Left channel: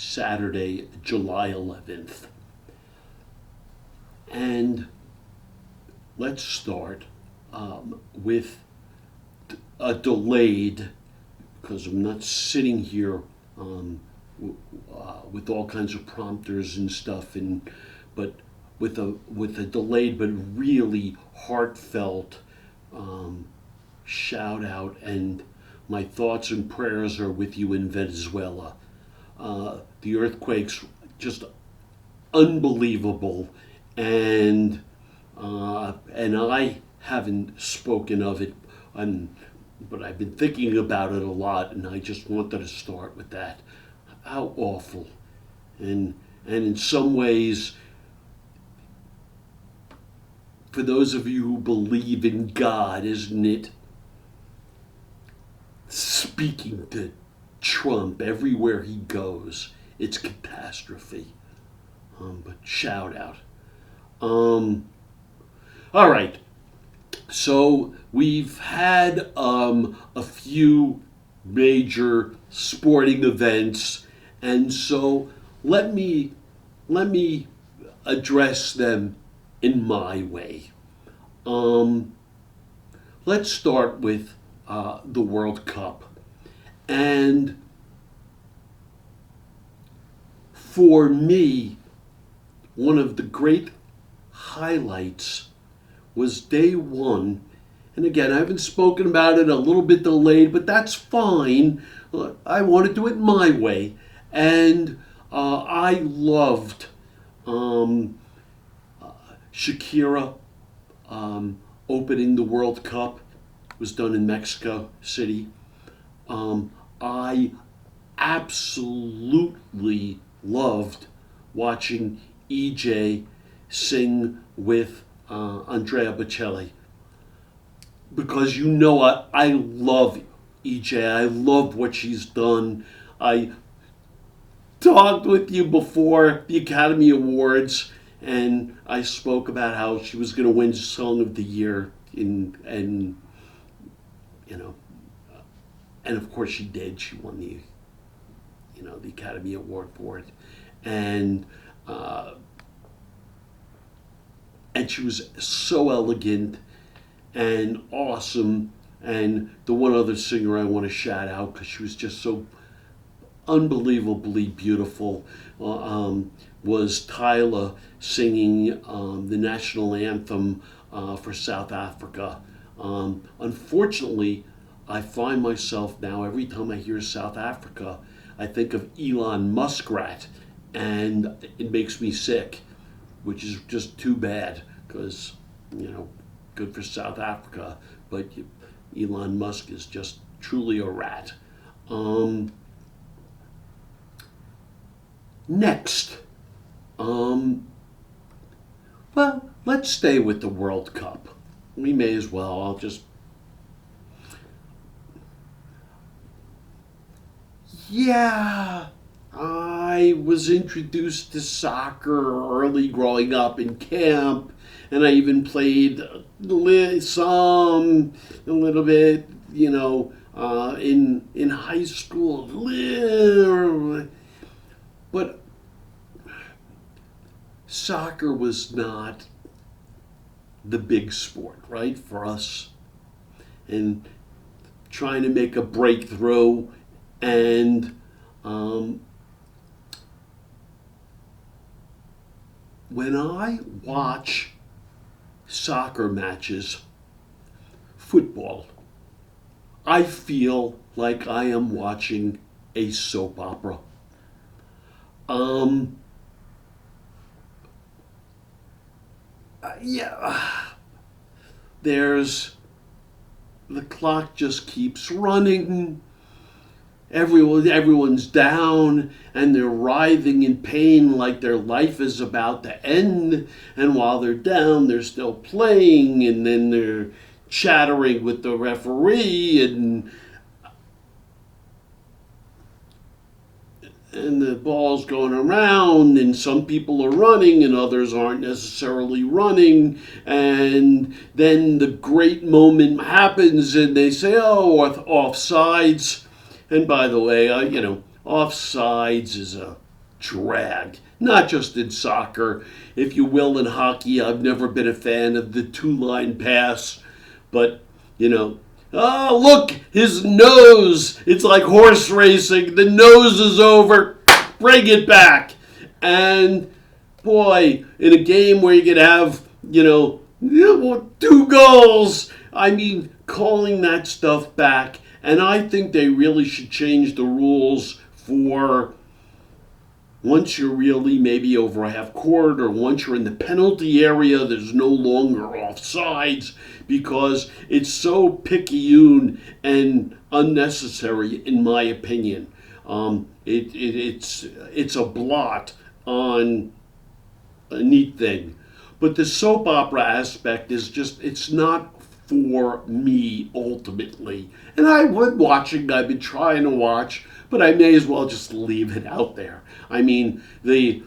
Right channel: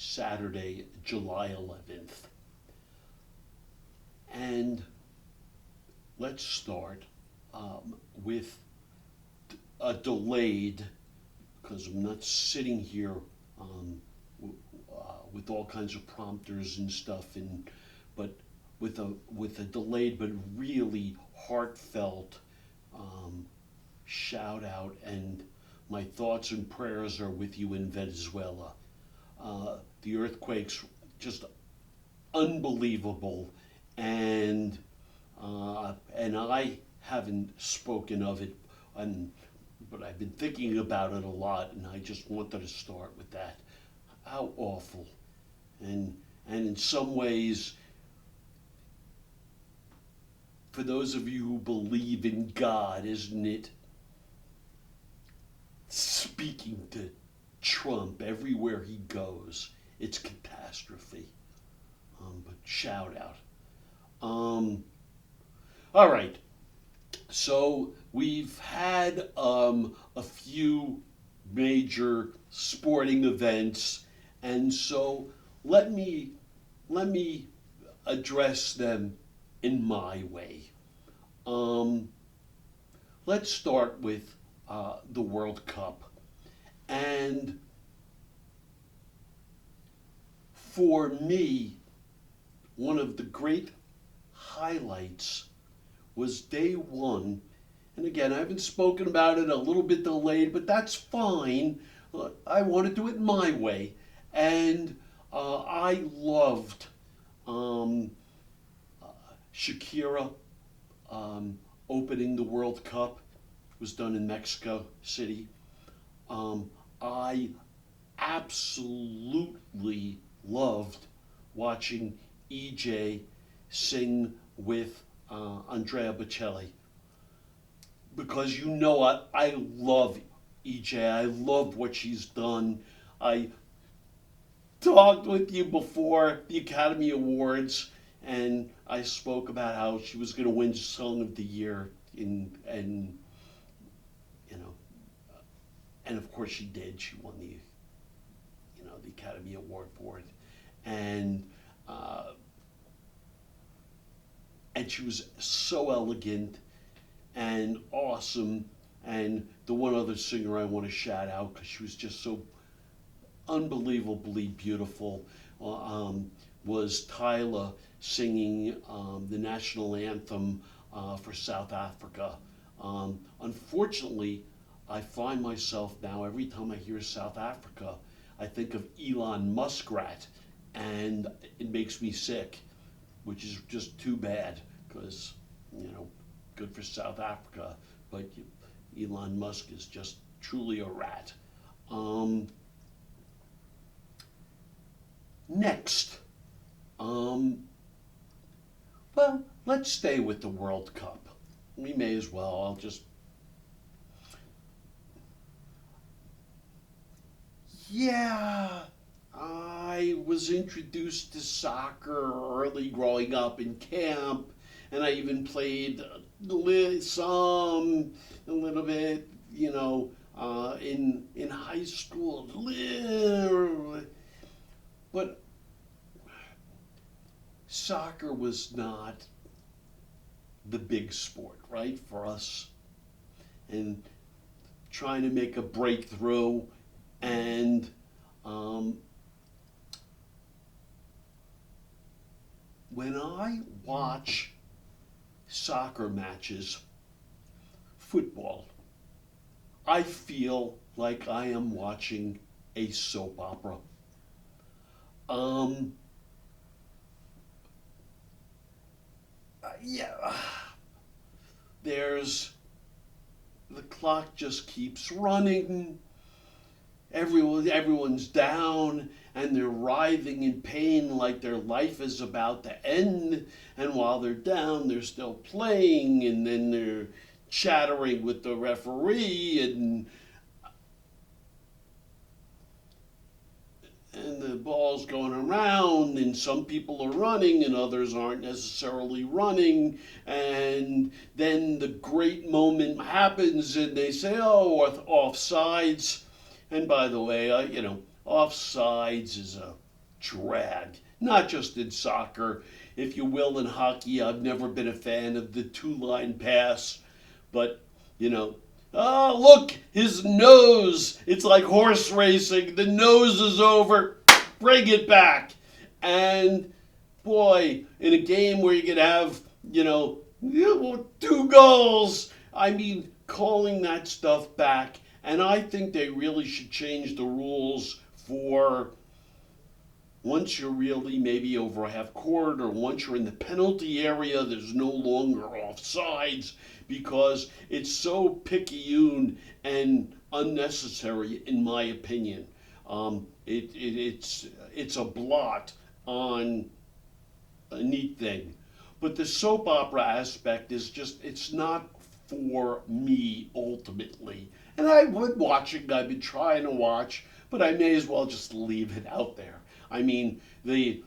Saturday, July 11th. And let's start with a delayed, because I'm not sitting here with all kinds of prompters and stuff, but with a delayed but really heartfelt shout out, and my thoughts and prayers are with you in Venezuela. The earthquake's just unbelievable, and I haven't spoken of it, but I've been thinking about it a lot, and I just wanted to start with that. How awful, and in some ways, for those of you who believe in God, isn't it speaking to Trump everywhere he goes? It's catastrophe. But shout out. All right. So we've had a few major sporting events, and so let me address them in my way. Let's start with the World Cup. And for me, one of the great highlights was day one. And again, I haven't spoken about it, a little bit delayed, but that's fine. I want to do it my way. And I loved Shakira opening the World Cup. It was done in Mexico City. I absolutely loved watching EJ sing with Andrea Bocelli, because I love EJ. I love what she's done. I talked with you before the Academy Awards, and I spoke about how she was going to win Song of the Year, and of course she did. She won the Academy Award for it, and she was so elegant and awesome. And the one other singer I want to shout out, because she was just so unbelievably beautiful, was Tyla singing the national anthem for South Africa. Unfortunately, I find myself now, every time I hear South Africa, I think of Elon Muskrat, and it makes me sick, which is just too bad, because, good for South Africa, but Elon Musk is just truly a rat. Next, well, let's stay with the World Cup. We may as well. Yeah, I was introduced to soccer early growing up in camp, and I even played a little bit, in high school. But soccer was not the big sport, right, for us. And trying to make a breakthrough, and when I watch soccer matches, football, I feel like I am watching a soap opera. There's the clock just keeps running. Everyone's down, and they're writhing in pain like their life is about to end. And while they're down, they're still playing, and then they're chattering with the referee, and the ball's going around, and some people are running and others aren't necessarily running, and then the great moment happens and they say, oh, offsides. And by the way, offsides is a drag, not just in soccer. If you will, in hockey, I've never been a fan of the two-line pass, but, oh, look, his nose. It's like horse racing. The nose is over. Bring it back. And, boy, in a game where you could have, 2 goals, I mean, calling that stuff back. And I think they really should change the rules for once you're really maybe over a half court or once you're in the penalty area, there's no longer offsides because it's so picayune and unnecessary, in my opinion. It's a blot on a neat thing. But the soap opera aspect is just, it's not for me ultimately. And I've been trying to watch, but I may as well just leave it out there. I mean, the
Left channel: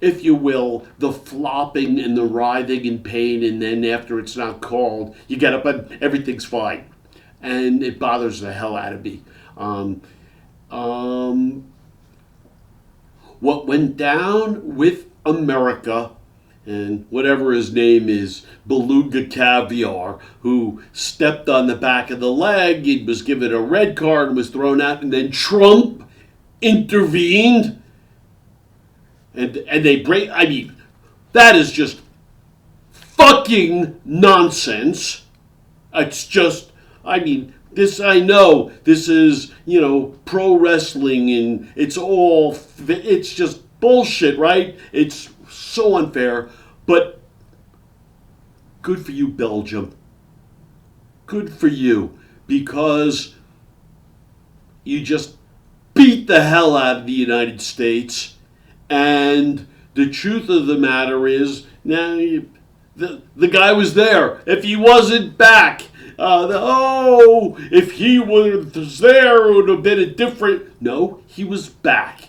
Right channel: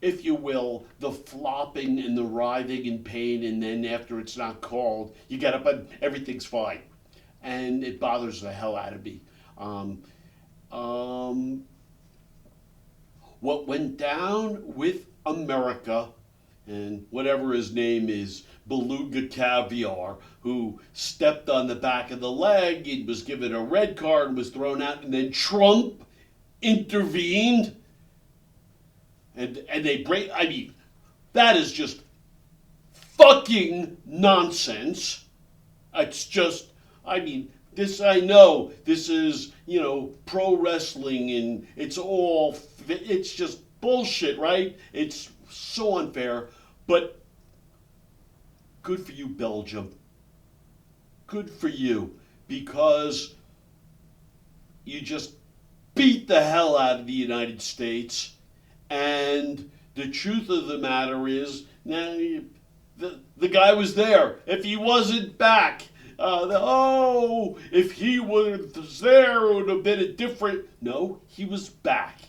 if you will, the flopping and the writhing in pain, and then after it's not called, you get up and everything's fine. And it bothers the hell out of me. What went down with America, and whatever his name is, Beluga Caviar, who stepped on the back of the leg, he was given a red card and was thrown out, and then Trump intervened, and they break. I mean, that is just fucking nonsense. It's just, I mean, this, I know this is, pro wrestling, and it's just bullshit, right? It's so unfair, but good for you, Belgium. Good for you, because you just beat the hell out of the United States, and the truth of the matter is, now the guy was there. If he wasn't back, if he was there, it would have been a different. No, he was back.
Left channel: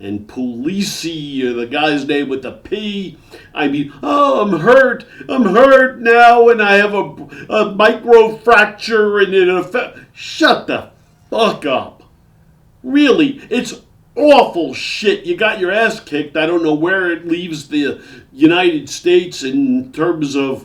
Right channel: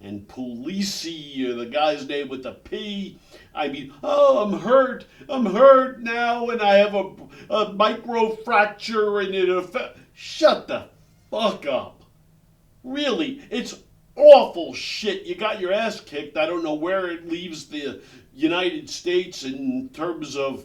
And Polisi, or the guy's name with the P, I mean, I'm hurt now, and I have a micro fracture, and it affects. Shut the fuck up. Really, it's awful shit. You got your ass kicked. I don't know where it leaves the United States in terms of,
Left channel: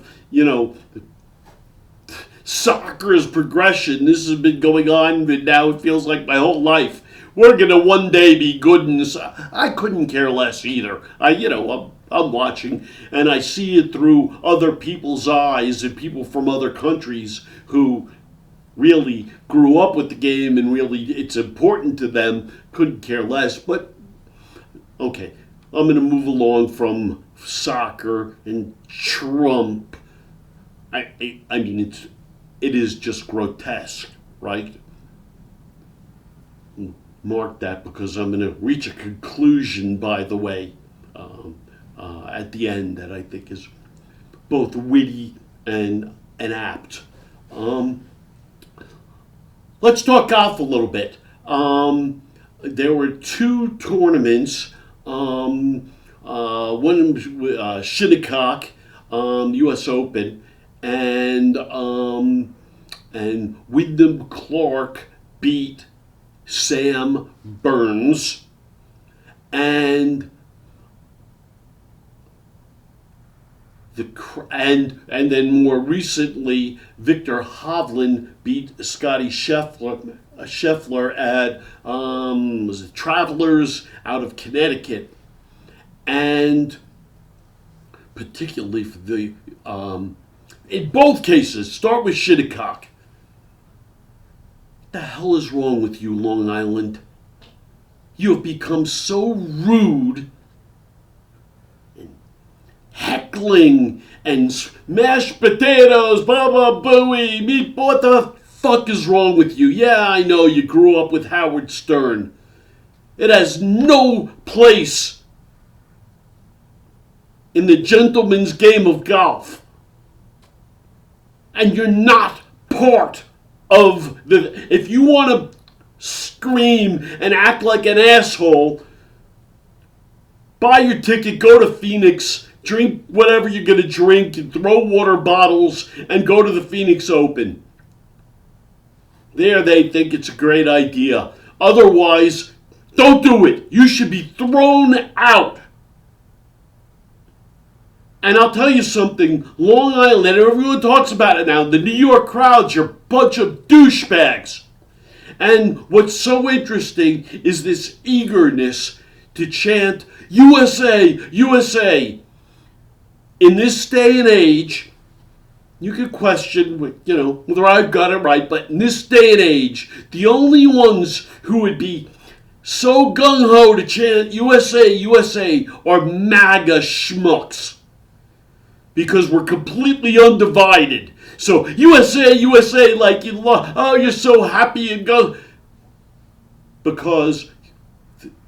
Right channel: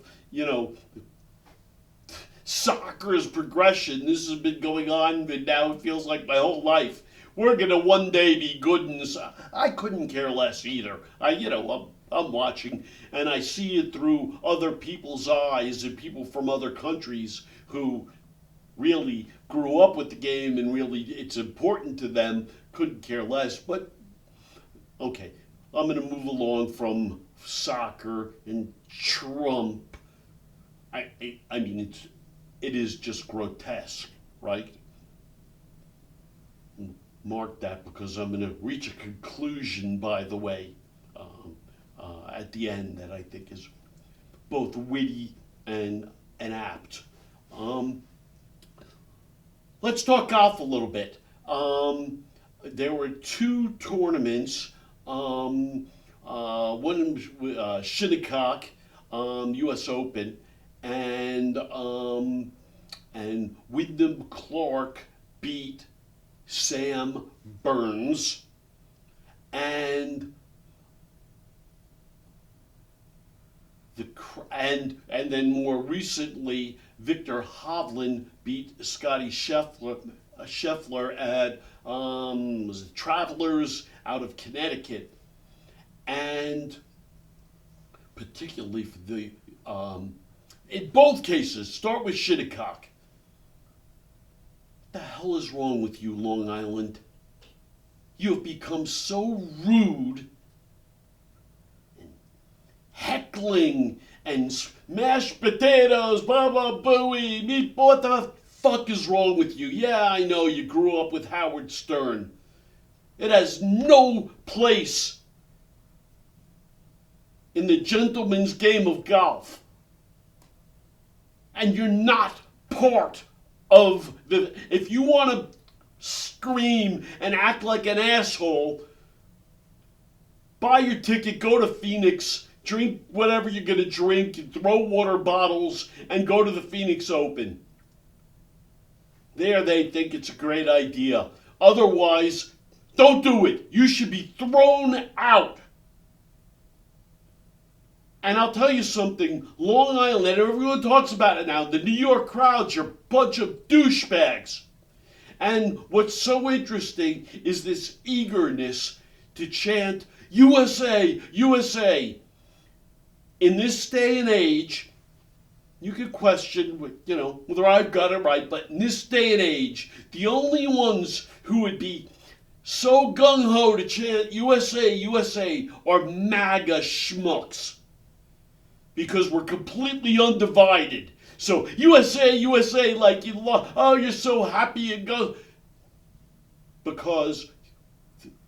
soccer's progression. This has been going on, but now it feels like my whole life. We're going to one day be good, and I couldn't care less either. I'm watching, and I see it through other people's eyes and people from other countries who really grew up with the game and really it's important to them, couldn't care less. But, okay, I'm going to move along from soccer and Trump. I mean, it is just grotesque, right? Mark that, because I'm going to reach a conclusion, by the way, at the end, that I think is both witty and apt. Let's talk golf a little bit. There were 2 tournaments. One Shinnecock, U.S. Open, and Wyndham Clark beat Sam Burns, and then more recently, Victor Hovland beat Scotty Scheffler at was it Travelers out of Connecticut, and particularly for the in both cases, start with Shinnecock. What the hell is wrong with you, Long Island? You have become so rude and heckling and mashed potatoes, baba booey, meat. What the fuck is wrong with you? Yeah, I know you grew up with Howard Stern. It has no place in the gentleman's game of golf. And you're not part of the. If you want to scream and act like an asshole, buy your ticket, go to Phoenix, drink whatever you're going to drink, and throw water bottles, and go to the Phoenix Open. There they think it's a great idea. Otherwise, Don't do it. You should be thrown out. And I'll tell you something, Long Island, and everyone talks about it now, the New York crowds, you're a bunch of douchebags. And what's so interesting is this eagerness to chant, USA, USA. In this day and age, you could question, whether I've got it right, but in this day and age, the only ones who would be so gung-ho to chant USA, USA are MAGA schmucks. Because we're completely undivided. So USA, USA, like you're so happy and go. Because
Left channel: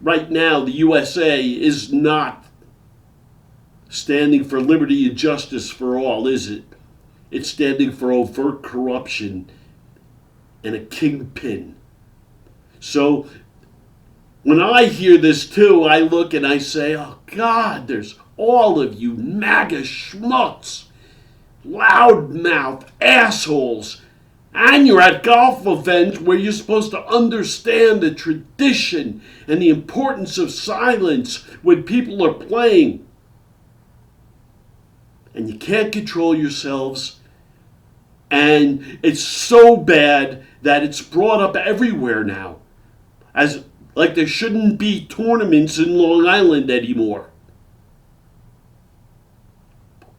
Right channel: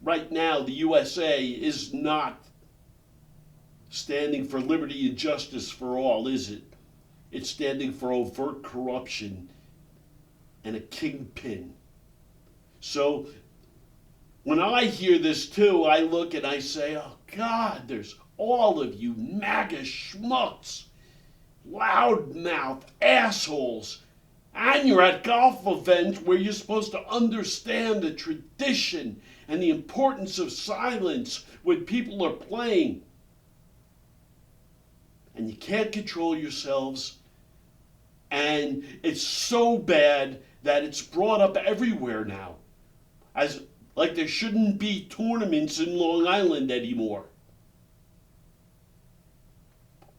right now the USA is not standing for liberty and justice for all, is it? It's standing for overt corruption and a kingpin. So when I hear this too, I look and I say, oh God, there's all of you MAGA schmucks, loudmouth assholes, and you're at golf events where you're supposed to understand the tradition and the importance of silence when people are playing. And you can't control yourselves, and it's so bad that it's brought up everywhere now, as like there shouldn't be tournaments in Long Island anymore.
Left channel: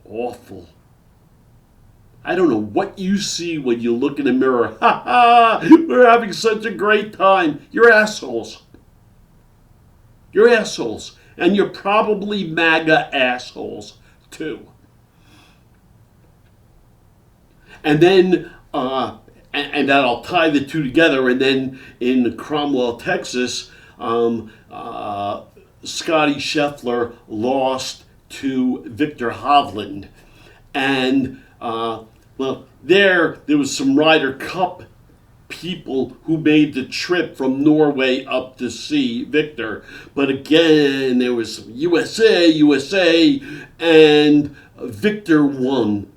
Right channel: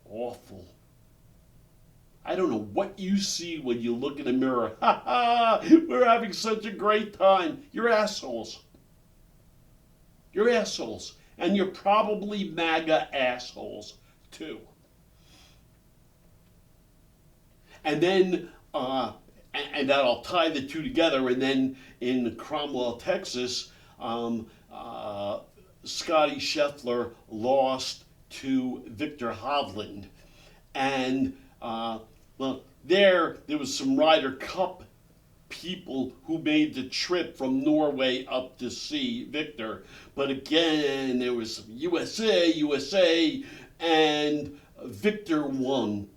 Awful. I don't know what you see when you look in the mirror. Ha ha! We're having such a great time. You're assholes. You're assholes. And you're probably MAGA assholes, too. And then, and I'll tie the two together, and then in Cromwell, Texas, Scotty Scheffler lost to Victor Hovland. And, there was some Ryder Cup people who made the trip from Norway up to see Victor. But again, there was USA, USA, and Victor won.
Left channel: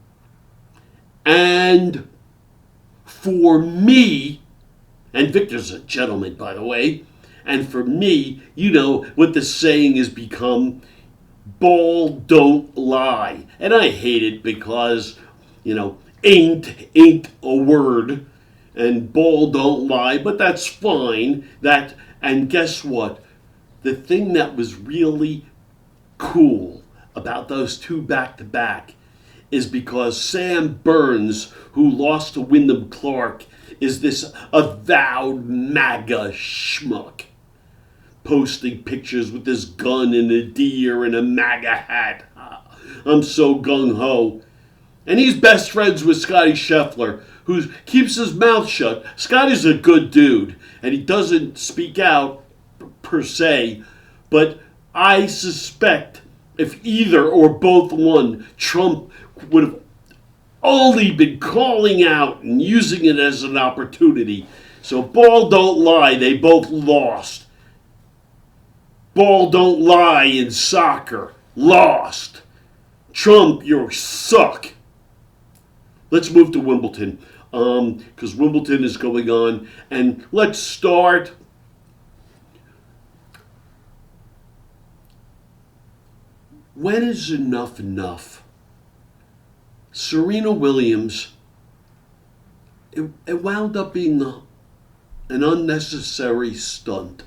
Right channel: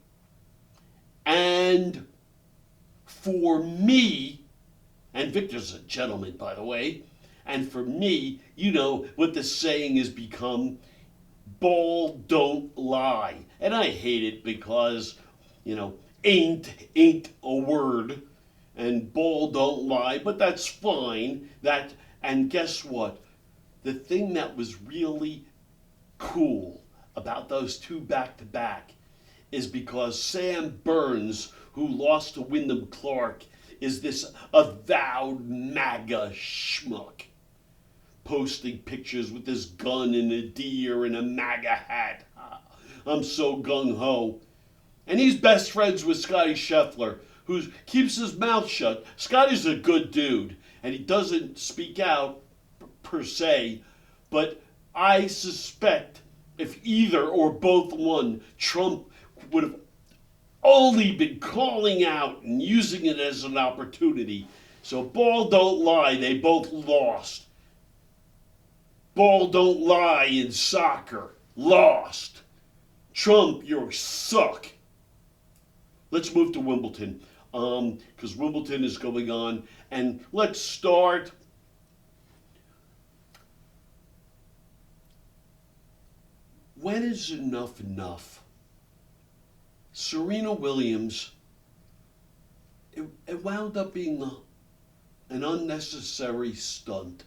And for me, and Victor's a gentleman, by the way, and for me, what the saying has become, ball don't lie. And I hate it because, ain't a word, and ball don't lie, but that's fine. And guess what? The thing that was really cool about those two back-to-back is because Sam Burns, who lost to Wyndham Clark, is this avowed MAGA schmuck, posting pictures with this gun and a deer and a MAGA hat. I'm so gung-ho. And he's best friends with Scotty Scheffler, who keeps his mouth shut. Scotty's a good dude, and he doesn't speak out per se, but I suspect if either or both won, Trump would have only been calling out and using it as an opportunity. So ball don't lie, they both lost. Ball don't lie in soccer, lost. Trump, you suck. Let's move to Wimbledon, because Wimbledon is going on, and let's start. When is enough enough? Serena Williams, it wound up being an unnecessary stunt.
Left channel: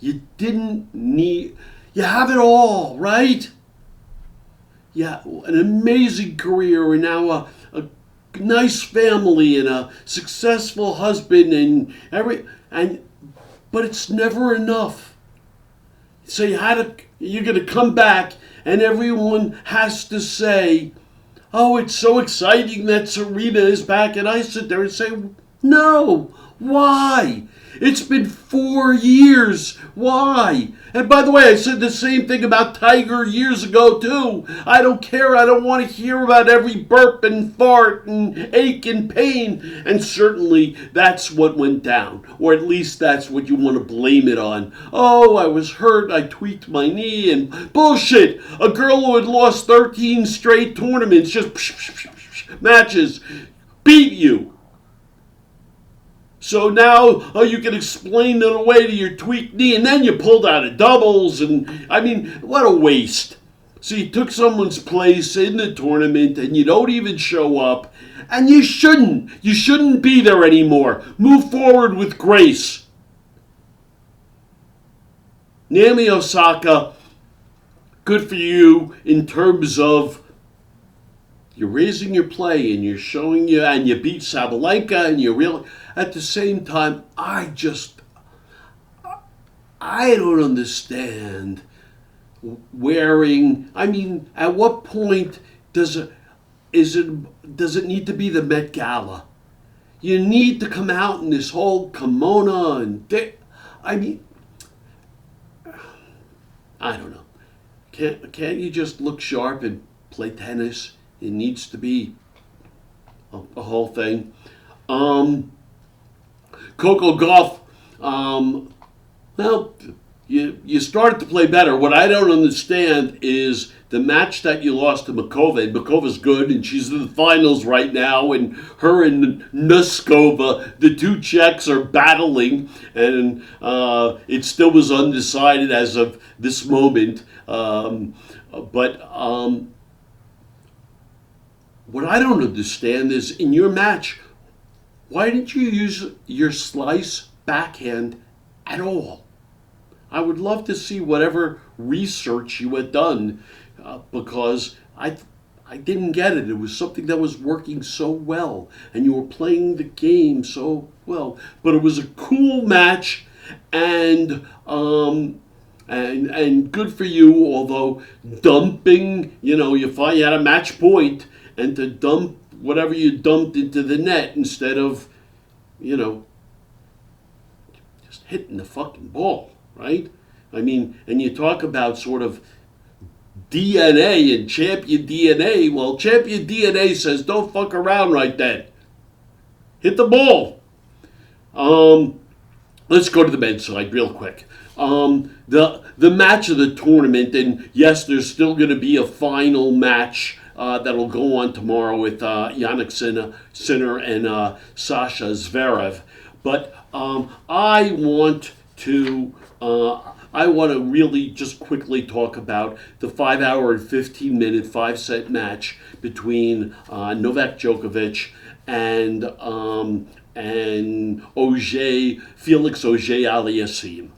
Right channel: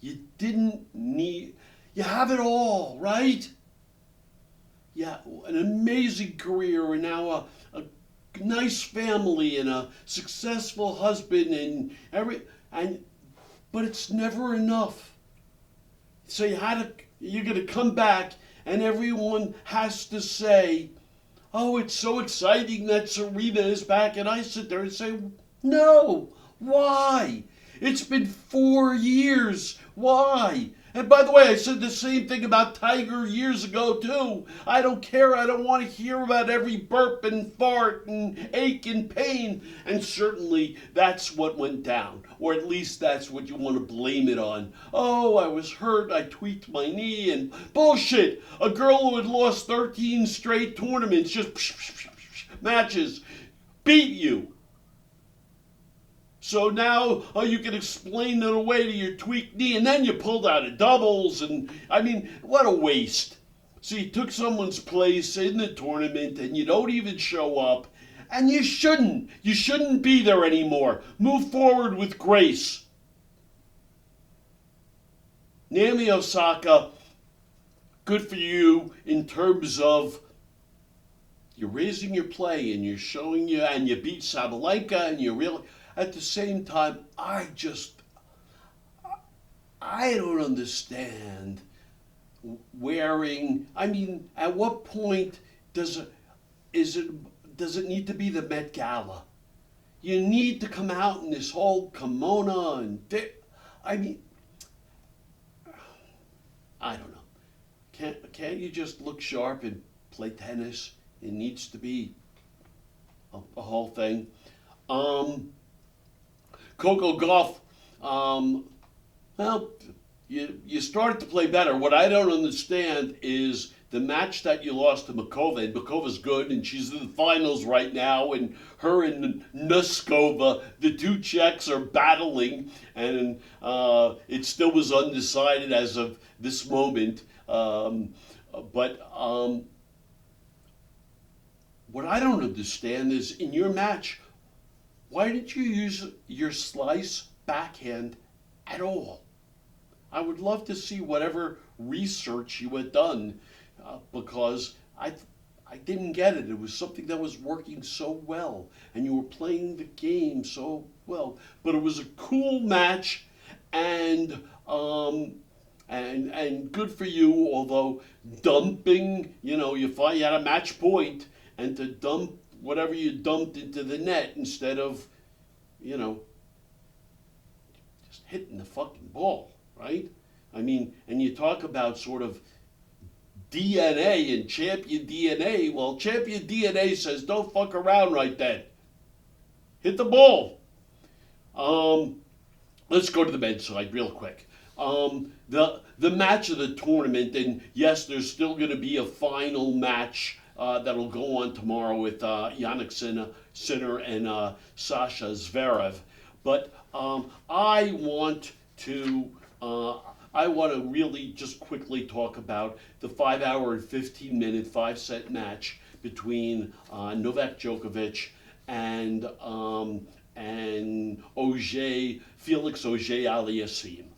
You didn't need, you have it all, right? Yeah, an amazing career and now a nice family and a successful husband but it's never enough. So you're going to come back and everyone has to say, oh, it's so exciting that Serena is back. And I sit there and say, no, why? It's been 4 years. Why? And by the way, I said the same thing about Tiger years ago, too. I don't care. I don't want to hear about every burp and fart and ache and pain. And certainly that's what went down. Or at least that's what you want to blame it on. Oh, I was hurt. I tweaked my knee. And bullshit. A girl who had lost 13 straight tournaments, just matches, beat you. So now you can explain it away to your tweaked knee, and then you pulled out of doubles, and I mean, what a waste. So you took someone's place in the tournament, and you don't even show up, and you shouldn't. You shouldn't be there anymore. Move forward with grace. Naomi Osaka, good for you in terms of you're raising your play and you're showing you, and you beat Sabalenka, and you really, at the same time, I don't understand wearing, I mean, at what point does it need to be the Met Gala? You need to come out in this whole kimono and, I mean, I don't know. Can't you just look sharp and play tennis? It needs to be a whole thing. Coco Gauff, well, you started to play better. What I don't understand is the match that you lost to Makova. And Makova's good, and she's in the finals right now. And her and Noskova, the two Czechs, are battling, and it still was undecided as of this moment. What I don't understand is, in your match, why didn't you use your slice backhand at all? I would love to see whatever research you had done, because I didn't get it. It was something that was working so well, and you were playing the game so well. But it was a cool match, and good for you. Although dumping, you find you had a match point, and to dump whatever you dumped into the net instead of, just hitting the fucking ball, right? I mean, and you talk about sort of DNA and champion DNA. Well, champion DNA says don't fuck around right then. Hit the ball. Let's go to the men's side real quick. The match of the tournament, and yes, there's still going to be a final match that'll go on tomorrow with Jannik Sinner and Sasha Zverev. But I want to really just quickly talk about the 5 hour and 15-minute 5-set match between Novak Djokovic and Felix Auger-Aliassime.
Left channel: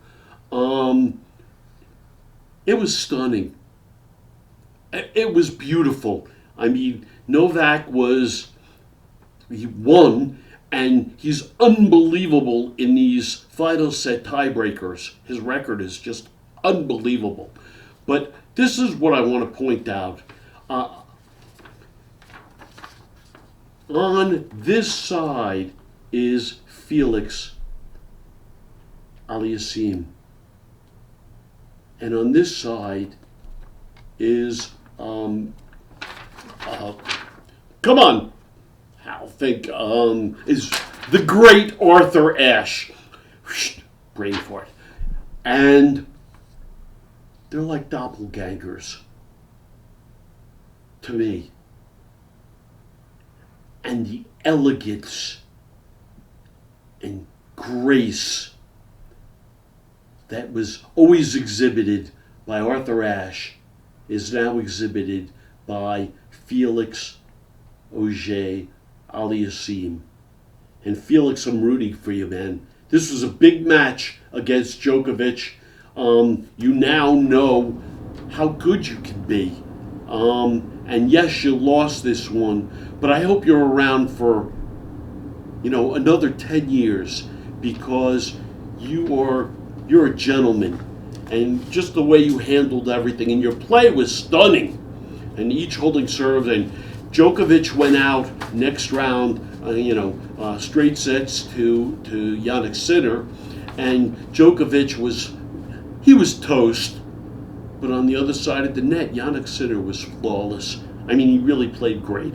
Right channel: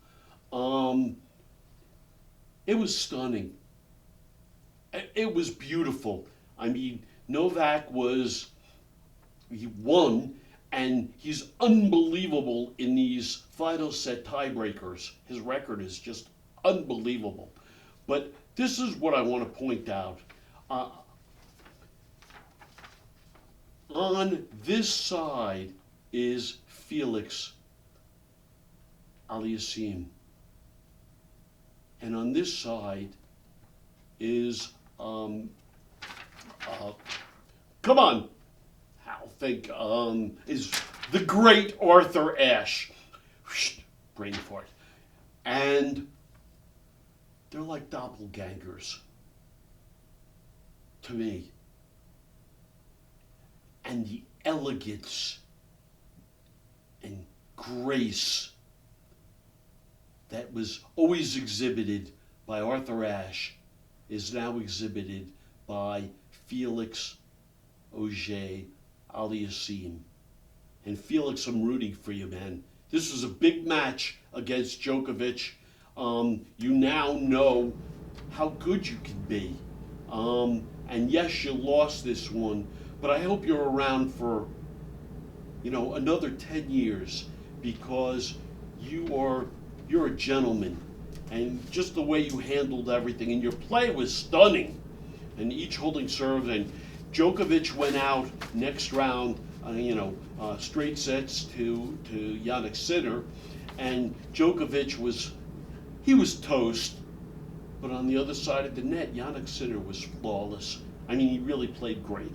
It was stunning. It was beautiful. I mean, Novak he won, and he's unbelievable in these final set tiebreakers. His record is just unbelievable. But this is what I want to point out. On this side is Felix Aliassime. And on this side is, come on, is the great Arthur Ashe. Brain fart. And they're like doppelgangers to me. And the elegance and grace that was always exhibited by Arthur Ashe is now exhibited by Felix Auger-Aliassime. And Felix, I'm rooting for you, man. This was a big match against Djokovic. You now know how good you can be. And yes, you lost this one, but I hope you're around for, another 10 years, because you're a gentleman. And just the way you handled everything, and your play was stunning. And each holding serve, and Djokovic went out next round, straight sets to Jannik Sinner, and Djokovic was toast. But on the other side of the net, Jannik Sinner was flawless. I mean, he really played great.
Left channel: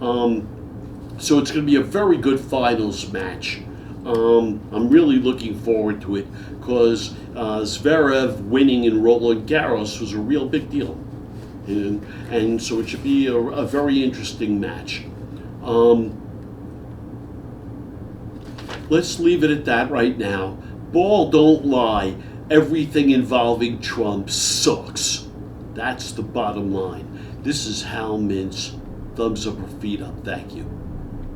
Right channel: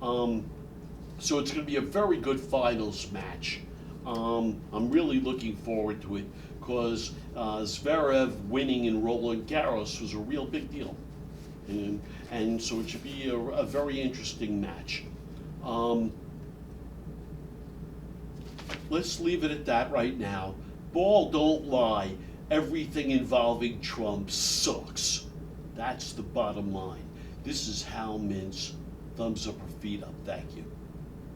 So it's going to be a very good finals match. I'm really looking forward to it, because Zverev winning in Roland Garros was a real big deal. And so it should be a very interesting match. let's leave it at that right now. Ball don't lie. Everything involving Trump sucks. That's the bottom line. This is Hal Mintz. Thumbs up or feet up. Thank you.